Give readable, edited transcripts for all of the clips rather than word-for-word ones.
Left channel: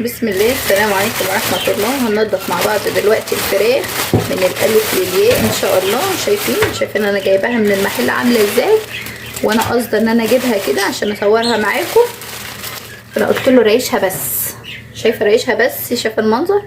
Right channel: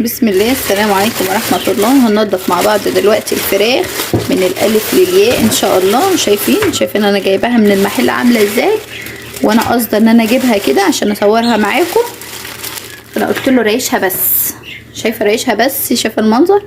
بسم الله. السلام عليكم ورحمة الله. هننضف مع بعض دلوقتي الفراخ من الألف للياء إن شاء الله. شايفين أنا جايباها من المحل عاملة إزاي، وأنا قصدي إن أنا أجيبها كده عشان أصورها معاكم. أنا قلت له ريشها بس، شايفة ريشها بس، شايفة المنظر.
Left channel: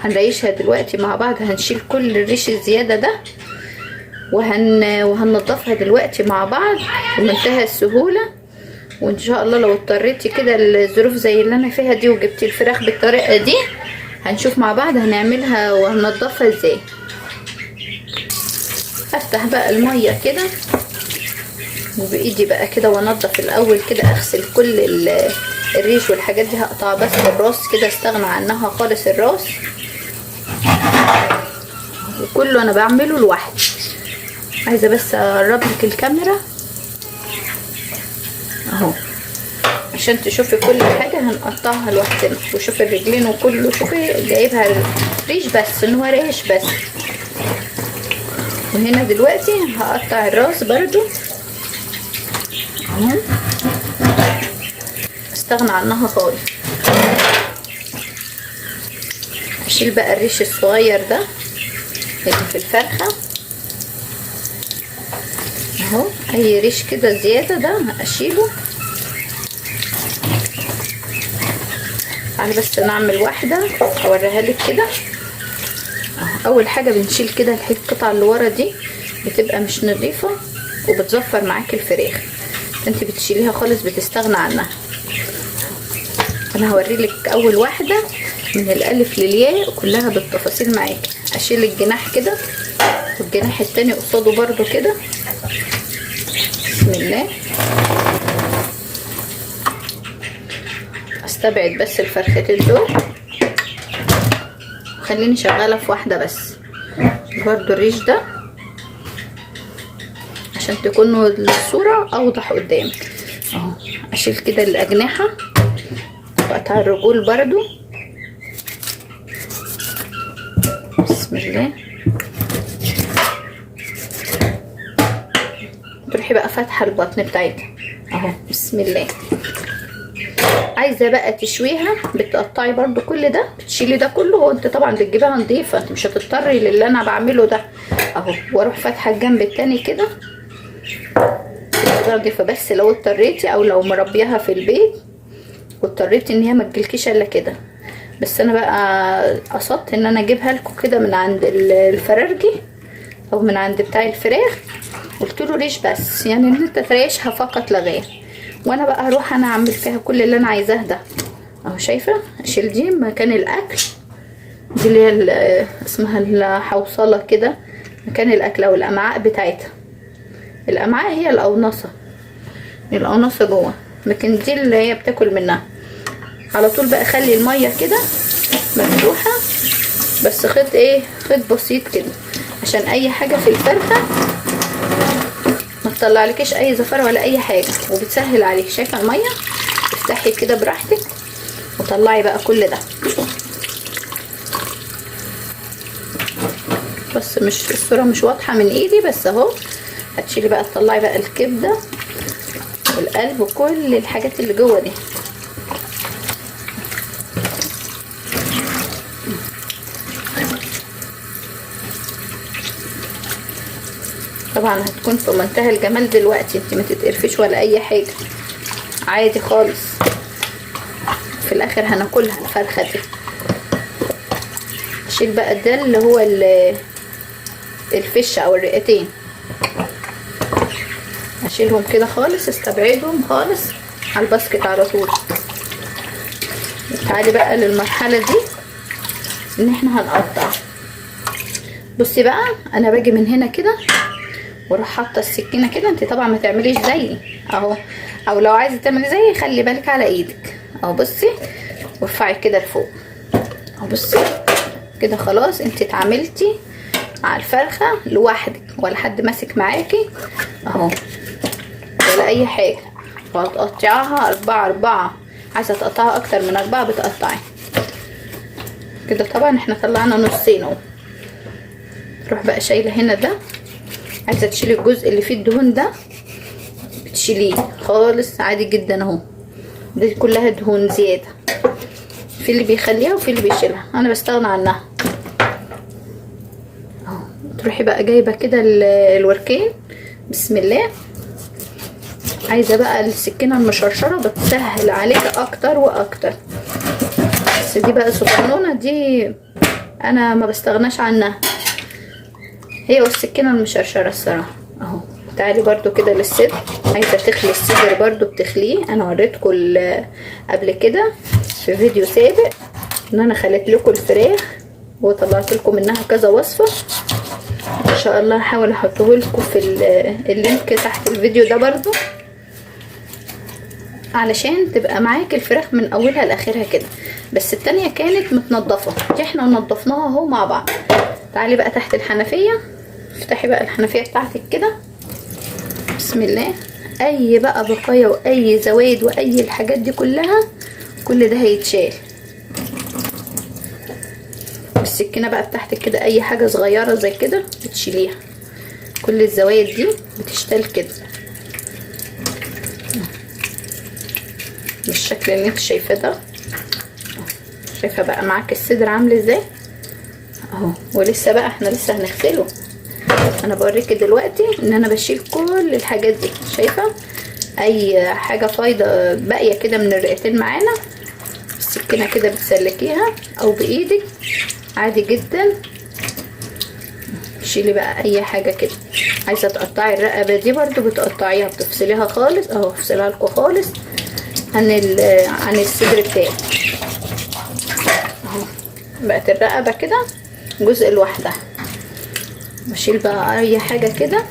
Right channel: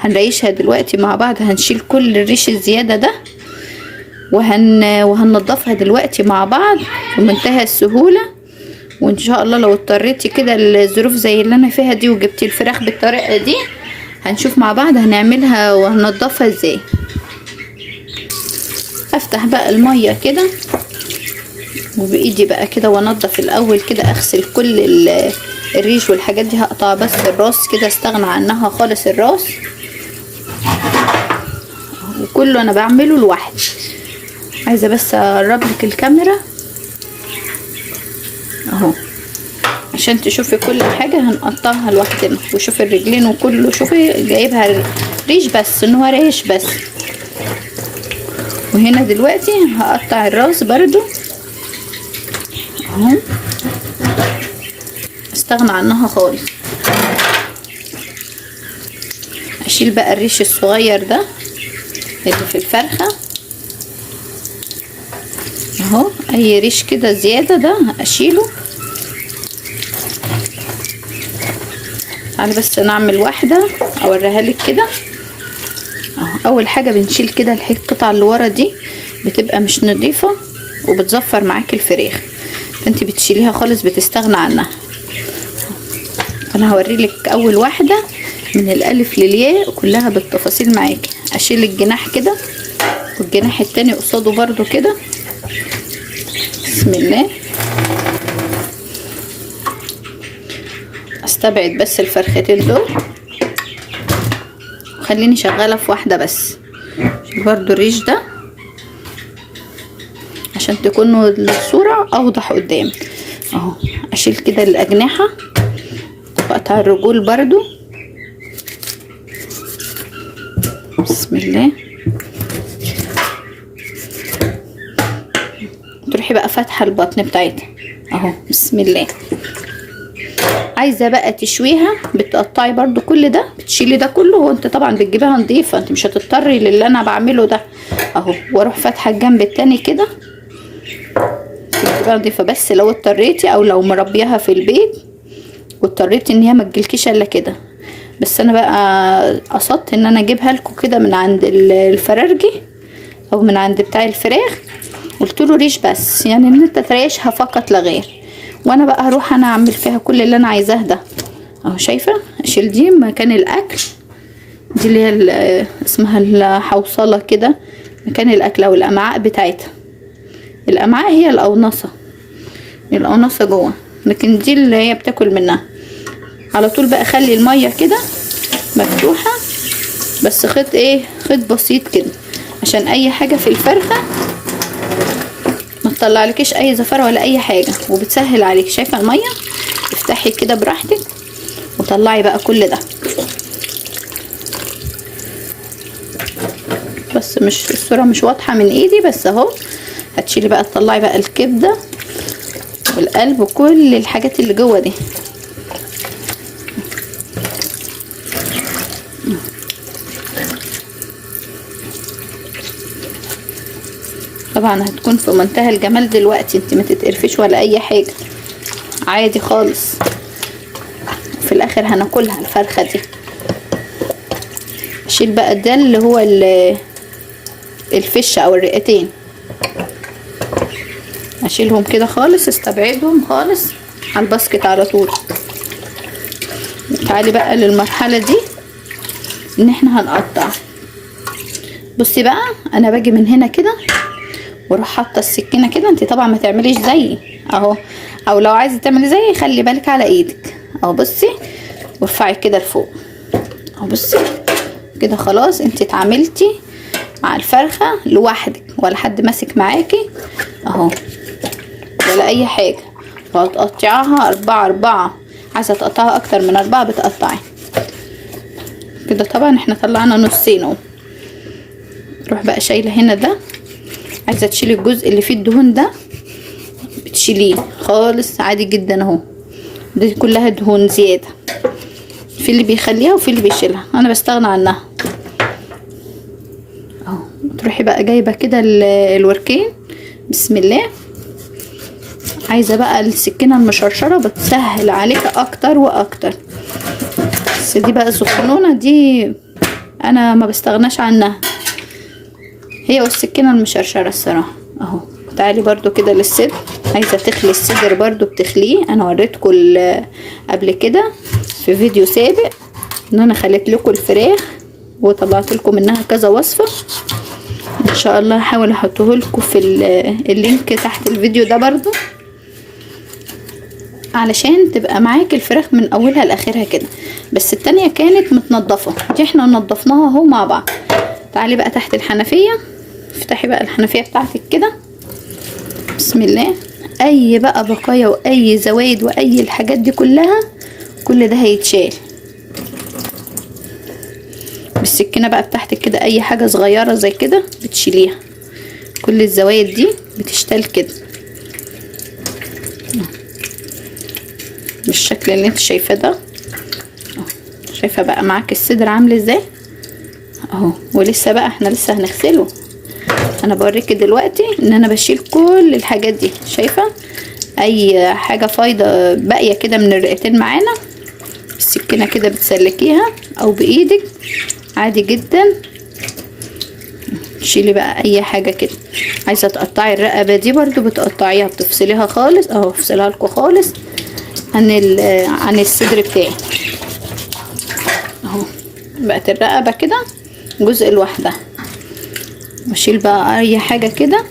هنريشها دلوقتي مع بعض، هنشيل كل الريش الزيادة ده وهننضفها دلوقتي مع بعض بمنتهى السهولة. وان شاء الله لو اضطريتي كده الظروف زي اللي انا فيها دي وجبتي الفراخ بالطريقه دي، هنشوف مع بعض هنعملها وهننضفها ازاي. افتح بقى الميه كده وبايدي بقى كده وانضف الاول كده، اغسل كل الريش والحاجات دي. هقطع بس الراس كده، استغنى عنها خالص الراس، وكله انا بعمله لوحدي. عايزه بس اقرب لك الكاميرا اهو عشان تشوفي كل حاجه. هنقطعها لوحدنا، وشوفي الرجلين وكله. شوفي جايبها ريش بس، ان هو ريش بس. وهنا دلوقتي هقطع الراس برضو اهو، استغنى عنها خالص. اشيل بقى الريش الصغير ده اللي في الفرخه اهو. اي ريش كده زياده ده اشيله. تعالي بس نعمل واحده اوريها لك كده. اول حاجه بنشيل كده القطعه اللي ورا دي، بتبقى مش نظيفه وبتزفر معاكي الفراخ، انت بتشيليها خالص، بتستغنى عنها. انا هوريلك اول واحده من الالف للياء كلها بالتفاصيل معاكي. اشيل الجناح كده والجناح التاني قصاده برضو كده. بسم الله. استبعد بس الفرختين دول، خليني شغاله في واحده بس برضو الريش ده عشان تكونوا الصوره اوضح قدامك اهو. اشيل كده الاجنحه واقطع الرجول برضو. بسم الله. تروحي بقى فاتحه البطن بتاعتها اهو. بسم الله. عايزه بقى تشويها، بتقطعي برضو كل ده، بتشيلي ده كله. هو انت طبعا بتجيبها نضيفه، انت مش هتضطري للي انا بعمله ده اهو. واروح فاتحه الجنب التاني كده، بتجيبها نضيفه. بس لو اضطريتي او لو مربيها في البيت واضطريتي ان هي ما تجيلكيش الا كده. بس انا بقى قصدت ان انا اجيبها لكم كده من عند الفرارجي او من عند بتاع الفراخ. قلت له ريش بس، يعني ان انت تريشها فقط لا غير. وانا بقى هروح انا اعمل فيها كل اللي انا عايزاه ده اهو. شايفه؟ اشيل دي مكان الاكل، دي اللي هي اسمها الحوصله كده، مكان الاكل او الامعاء بتاعتها. الامعاء هي القناصه جوه، لكن دي اللي هي بتاكل منها على طول. بقى خلي الميه كده مفتوحه بس، خيط بسيط كده عشان اي حاجه في الفرخه ما تطلعلكيش اي زفاره ولا اي حاجه، وبتسهل عليك. شايفه الميه؟ افتحي كده براحتك وطلعي بقى كل ده. بس مش الصوره مش واضحه من ايدي بس اهو. هتشيلي بقى تطلعي بقى الكبده والقلب وكل الحاجات اللي جوه دي. طبعا هتكون في منتهى الجمال دلوقتي، انت ما تتقرفيش ولا اي حاجه، عادي خالص. في الاخر هناكلها الفرخه دي. اشيل بقى ده اللي هو الفشه او الرئتين، اشيلهم كده خالص، استبعدهم خالص على الباسكت على طول. تعالي بقى للمرحله دي ان احنا هنقطع. بصي بقى، انا باجي من هنا كده واروح حاطه السكينه كده. انت طبعا ما تعمليش زيي اهو، او لو عايزه تعملي زيي خلي بالك على ايدك اهو. بصي وارفعي كده لفوق اهو. بصي كده خلاص، انت اتعاملتي مع الفرخه لوحدك، ولا حد ماسك معاكي اهو ولا اي حاجه. وهتقطعيها 4 عايزه تقطعها اكتر من 4 بتقطعي كده. طبعا احنا طلعنا نصين اهو. تروح بقى شايله هنا ده، عايزه تشيلي الجزء اللي فيه الدهون ده بتشيليه خالص عادي جدا اهو. دي كلها دهون زياده. في اللي بيخليها وفي اللي بيشيلها، انا بستغنى عنها اهو. تروحي بقى جايبه كده الوركين، بسم الله. عايزه بقى السكينه المشرشره بتسهل عليك اكتر واكتر، بس دي بقى صغنونه دي انا ما بستغناش عنها، هي والسكينه المشرشره الصراحه اهو. تعالي برضو كده للصدر، عايزه تخلي الصدر برضو بتخليه. انا وريتكم قبل كده في فيديو سابق ان انا خليت لكم الفراخ وطلعت لكم منها كذا وصفه، ان شاء الله هحاول احطه لكم في اللينك تحت الفيديو ده برضو، علشان تبقى معاك الفراخ من اولها لاخرها كده. بس التانية كانت متنضفه، دي احنا نضفناها اهو مع بعض. تعالي بقى تحت الحنفيه، افتحي بقى الحنفيه بتاعتك كده بسم الله. اي بقى بقايا واي زوايد واي الحاجات دي كلها، كل ده هيتشال بالسكينه بقى بتاعتك كده. اي حاجه صغيره زي كده بتشيليها، كل الزوايد دي بتشتال كده بالشكل اللي انت شايفاه ده. شايفه بقى معاك الصدر عامل ازاي اهو. ولسه بقى احنا لسه هنغسله، انا بوريكي دلوقتي ان انا بشيل كل الحاجات دي. شايفه اي حاجه فايضه باقيه كده من الرئتين معانا، السكينه كده بتسلكيها او بايدك عادي جدا. شيلي بقى اي حاجه كده. عايزه تقطعي الرقبه دي برضو بتقطعيها، بتفصليها خالص اهو، افصلها لكم خالص عن الصدر بتاعي اهو. بقت الرقبه كده جزء لوحدها. بشيل بقى اي حاجه كده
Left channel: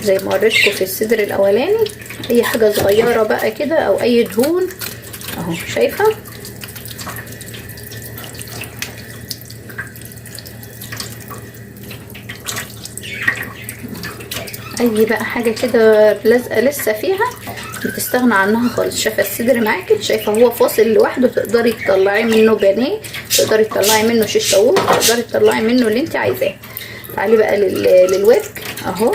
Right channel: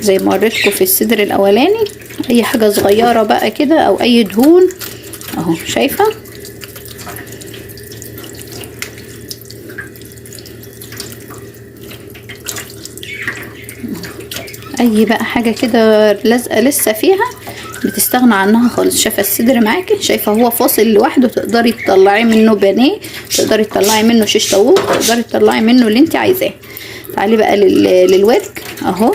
زي ما وريتكم في الصدر الاولاني، اي حاجه صغيره بقى كده او اي دهون اهو. شايفه اي بقى حاجه كده لازقه لسه فيها بتستغنى عنها خالص. شايفه الصدر معاكي، شايفه هو فاصل لوحده، تقدري تطلعي منه بانيه، تقدري تطلعي منه شيش طاووق، تقدري تطلعي منه اللي انت عايزاه. تعالي بقى للورك اهو.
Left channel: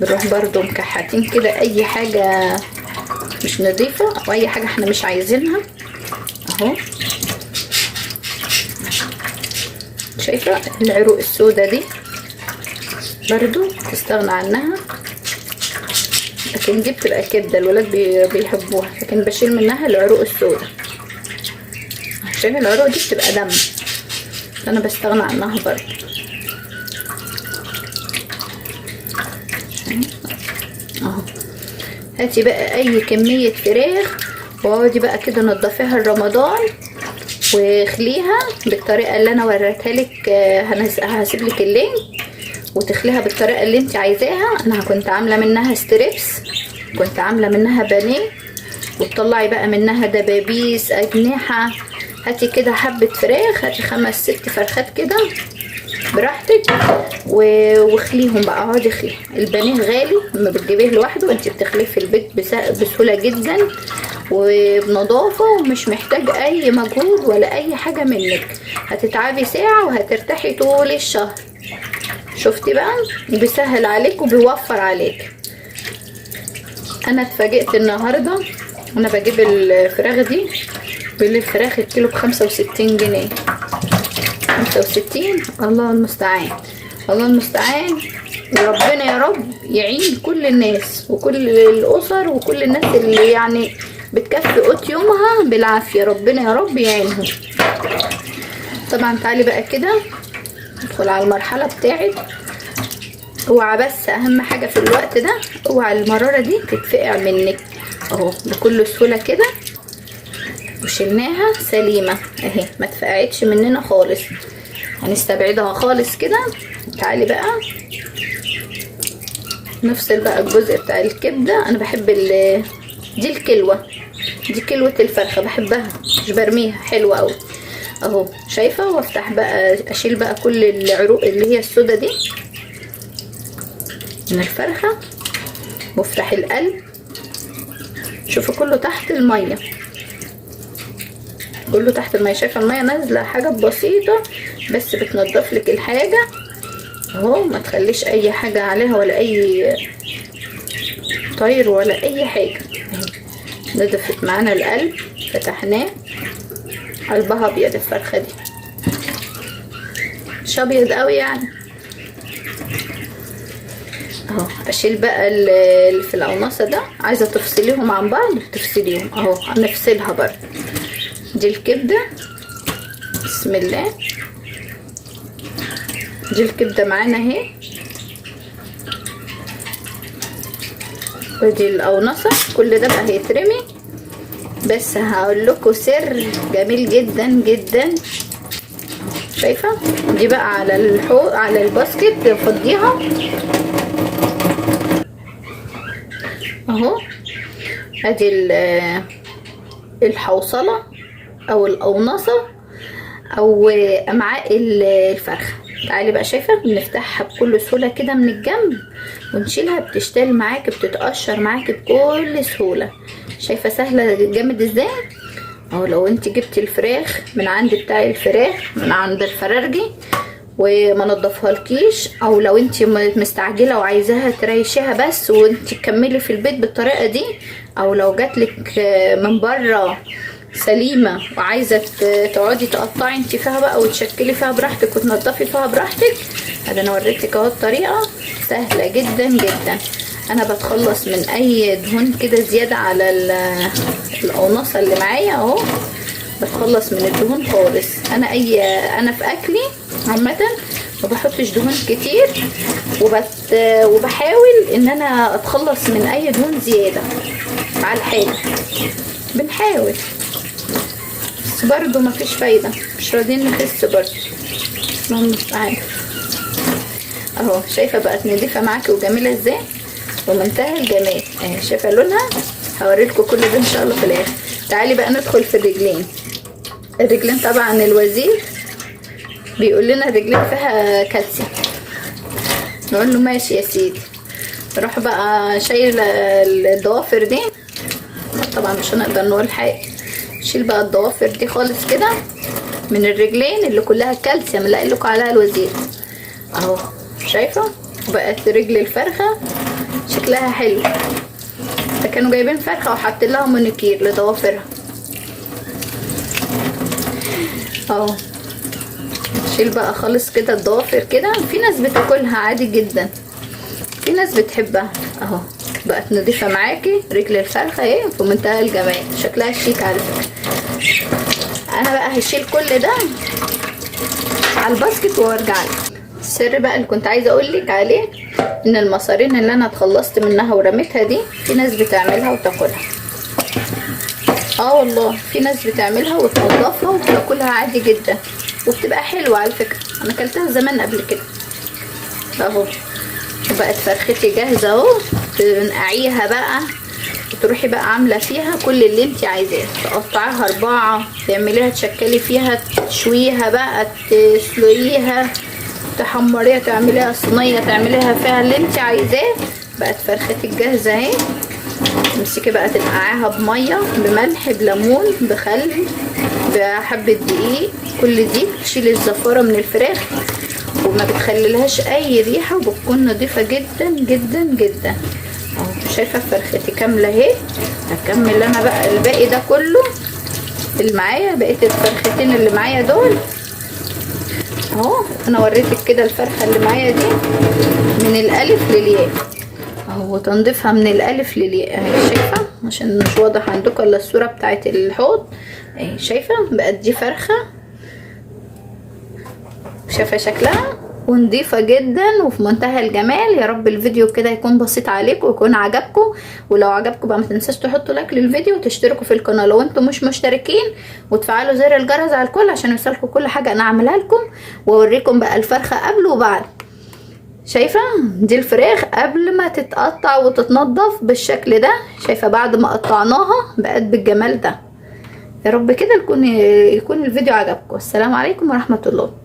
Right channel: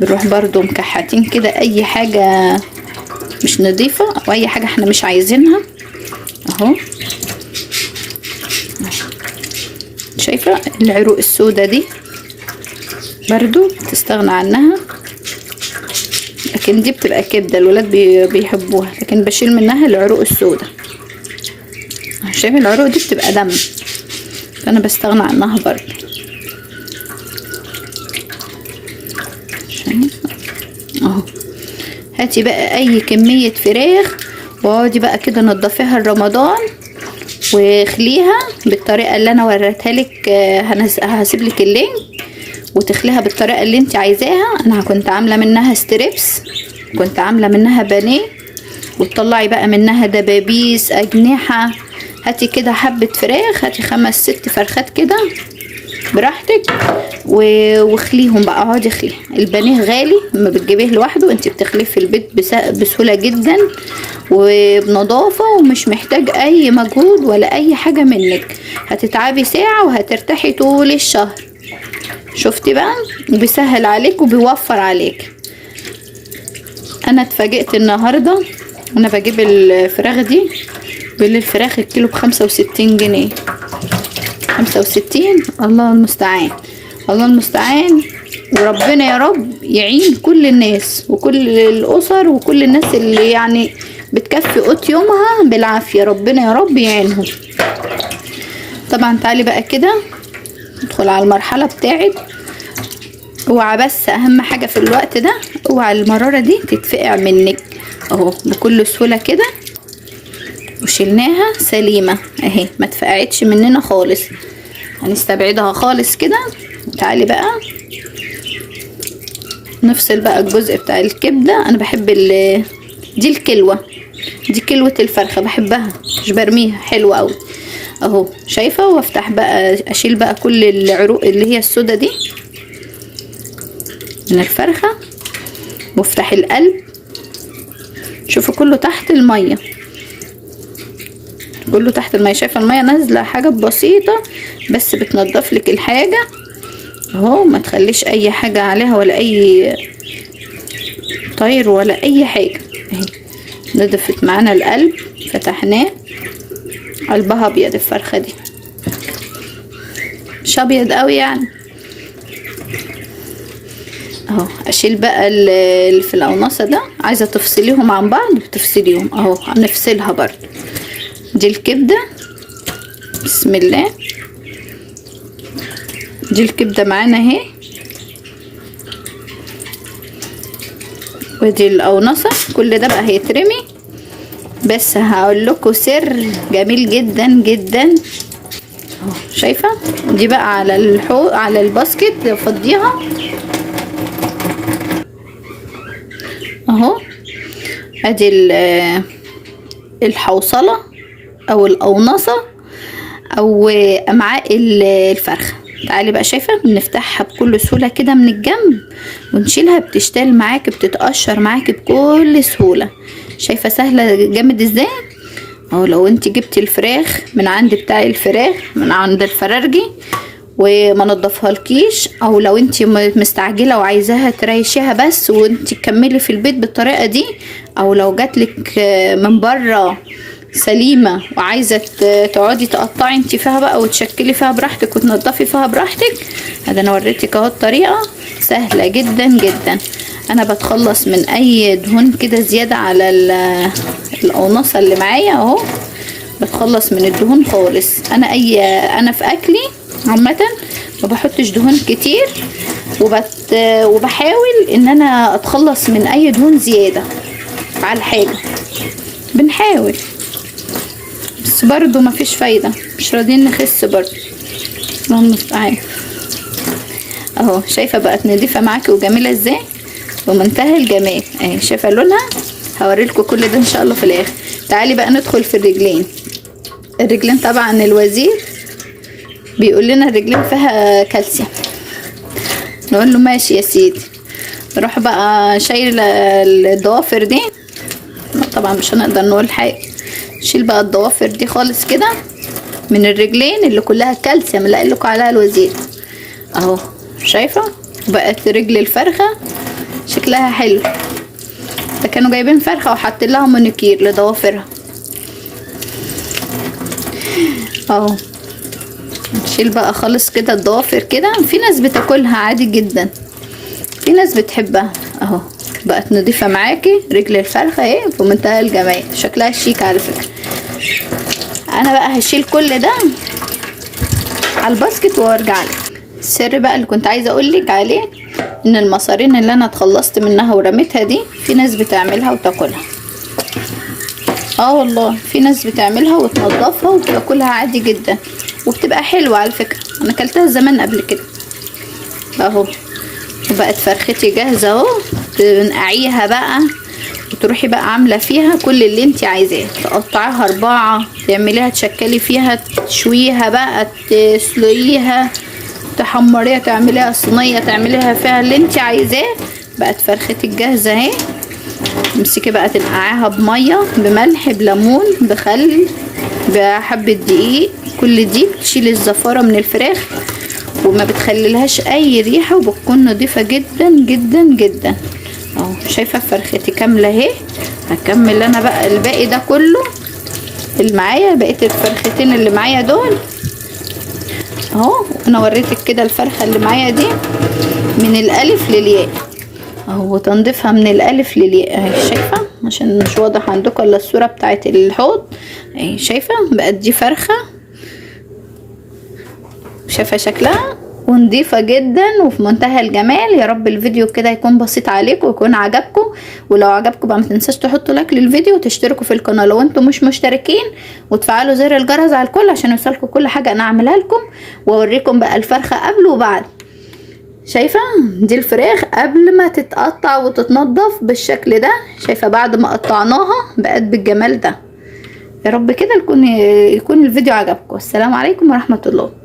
بنروح برضو مكحتين كده اي حاجه مش نظيفه او اي حاجه احنا مش عايزينها اهو. شايفه العروق السوداء دي برضو تستغنى عنها، لكن دي بتبقى كده الولاد بيحبوها، لكن بشيل منها العروق السوداء. شايفه العروق دي بتبقى دم، فانا بستغنى عنها برضو اهو. هاتي بقى اي كميه فراخ واقعدي بقى كده نضفيها لرمضان واخليها بالطريقه اللي انا وريتها لك. هسيب لك اللينك وتخليها بالطريقه اللي انت عايزاها. انا كنت عامله منها ستريبس، كنت عامله منها بانيه، وتطلعي بقى منها دبابيس اجنحه. هاتي كده حبه فراخ، هاتي 5 6 فرخات كده براحتك واخليهم بقى، اقعدي اخليهم. البانيه غالي لما بتجيبيه لوحده، انت بتخليه في البيت بسهوله جدا وبنظافه ومش محتاج اي مجهود ولا اي حاجه منك. هتتعبي ساعه وهترتاحي طول الشهر. شفتي بقى بيسهل عليك وبيوفر عليك. انا اتفاجئت النهارده انا بجيب الفراخ دي، بالفراخ الكيلو ب65 جنيه. 65 الله المستعان، الله المستعان. وربنا يا رب يعين كل الناس وكل الاسر وكل الناس اللي يعني بتكفي قوت يومها بالعافيه، ربنا يا رب يعينهم. طبعا تعالي بقى كده ندخل على المرحله بتاعت اوعى، بس اهم حاجه في الوقت ده اوعى المراره دي تتفقع منك اهو بكل سهوله كده. وشلناها سليمه اهي، ما اتفقعتش مننا خالص، هنستبعدها خالص كده. تعالي بقى نفصل بقى الجزء بتاع الكبده. انا بحب دي الكلوه، دي كلوه الفرخه بحبها، مش برميها، حلوه قوي اهو. شايفه؟ وافتح بقى اشيل بقى كل العروق اللي هي السودا دي من الفرخه، وافتح القلب. شوفوا كله تحت الميه، كله تحت الميه. شايفه الميه نازله حاجه بسيطه بس بتنضف لك الحاجه اهو، ما تخليش اي حاجه عليها ولا اي طير ولا اي حاجه اهي. نضفت معانا القلب، فتحناه قلبها ابيض الفرخة دي، مش ابيض قوي يعني اهو. اشيل بقى اللي في القونصة ده، عايزة تفصليهم عن بعض تفصليهم اهو، هنفصلها برضه. دي الكبدة، بسم الله. دي الكبدة معانا اهي، ودي القونصة. كل ده بقى هيترمي، بس هقول لكم سر جميل جدا جدا. شايفة دي بقى على على الباسكت فضيها اهو. ادي الحوصلة او القونصة او امعاء الفرخة. تعالي بقى، شايفة بنفتحها بكل سهولة كده من الجنب ونشيلها، بتشتغل معاكي، بتتقشر معاكي بكل سهولة. شايفة سهلة جامد ازاي اهو. لو انت جبتي الفراخ من عند بتاع الفراخ من عند الفرارجي وما نضفها لكيش، او لو انت مستعجله وعايزاها تريشيها بس وانت تكملي في البيت بالطريقه دي، او لو جاتلك من بره سليمه وعايزه تقعدي تقطعي انت فيها بقى وتشكلي فيها براحتك وتنضفي فيها براحتك، ادي انا وريتك اهو. الطريقه سهله جدا جدا. انا بتخلص من اي دهون كده زياده على القونصه اللي معايا اهو، بتخلص من الدهون خالص. انا في اكلي عامه ما بحطش دهون كتير، وبحاول ان انا اتخلص من اي دهون زياده على الحاجه. بنحاول بس برضو ما فيش فايده، مش راضيين نخس برضو. اللهم المستعان اهو. شايفه بقت نضيفه معاكي وجميله ازاي ومنتهى الجمال اهي. شايفه لونها؟ هوريلكم كل ده ان شاء الله في الاخر. تعالي بقى ندخل في الرجلين. الرجلين طبعا الوزير بيقول لنا الرجلين فيها كالسيوم، نقول له ماشي يا سيدي. نروح بقى شايله الضوافر دي، طبعا مش هنقدر نقول حاجه. شيل بقى الضوافر دي خالص كده من الرجلين اللي كلها كالسيوم اللي قال لكم عليها الوزير اهو. شايفه بقت رجل الفرخه شكلها حلو. ده كانوا جايبين فرخه وحاطين لها مونيكير لضوافرها اهو. نشيل بقى خالص كده الضوافر كده. في ناس بتاكلها عادي جدا، في ناس بتحبها اهو. بقت نضيفه معاكي رجل الفرخه اهي في منتهى الجمال، شكلها شيك على فكره. انا بقى هشيل كل ده على الباسكت وارجع لك. السر بقى اللي كنت عايزه اقول لك عليه، ان المصارين اللي انا اتخلصت منها ورميتها دي في ناس بتعملها وتاكلها. والله في ناس بتعملها وتنضفها وتاكلها عادي جدا، وبتبقى حلوه على فكره. انا اكلتها زمان قبل كده اهو. بقت فرختي جاهزه اهو. تنقعيها بقى وتروحي بقى عامله فيها كل اللي انت عايزاه. تقطعيها 4، تعمليها تشكلي فيها، تشويها بقى، تسلقيها، تحمريها، تعمليها صينيه، تعمليها فيها اللي انت عايزاه. بقت فرختك جاهزه اهي. تمسكي بقى تنقعيها بميه، بملح، بليمون، بخل، بحبه دقيق. كل دي بتشيل الزفاره من الفراخ وما بتخليلهاش اي ريحه، وبتكون نظيفه جدا جدا جدا اهو. شايفه فرختي كامله اهي. هكمل انا بقى الباقي ده كله اللي معايا، بقيه الفرختين اللي معايا دول اهو. انا وريتك كده الفرخه اللي معايا دي من الالف للياء اهو، تنظيفها من الالف للياء اهي. شايفه عشان مش واضح عندكم الا الصوره بتاعت الحوض اهي. شايفه بقت دي فرخه، شايفه شكلها ونضيفه جدا وفي منتهى الجمال. يا رب الفيديو كده يكون بسيط عليكم ويكون عجبكم. ولو عجبكم بقى ما تنساش تحطوا لايك للفيديو وتشتركوا في القناه لو انتم مش مشتركين، وتفعلوا زر الجرس على الكل عشان يوصلكم كل حاجه انا اعملها لكم. واوريكم بقى الفرخه قبل وبعد. شايفه دي الفراخ قبل ما تتقطع وتتنضف بالشكل ده. شايفه بعد ما قطعناها بقت بالجمال ده. يا رب كده يكون الفيديو عجبكم. السلام عليكم ورحمه الله.